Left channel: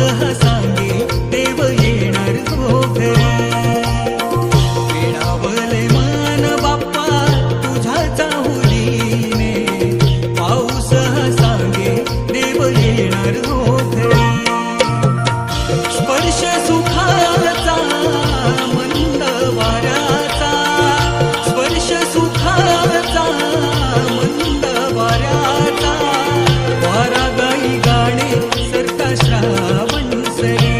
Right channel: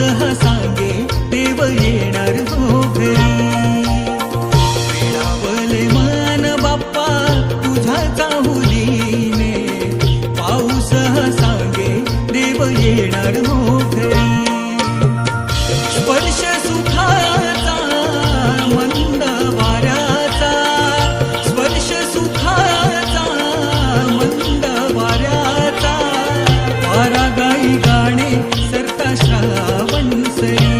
हा सांगे देव येणार हो घरी. वेडावले मन बाप्पा तुझ्या चाहुलीने, पाऊस हा सांगे देव येणार हो घरी. स्पर्श सुखाचा मंद वाऱ्याचा, स्पर्श सुखाचा मंद वाऱ्याचा, वारा गाई गाणे सरता श्रावण सरी.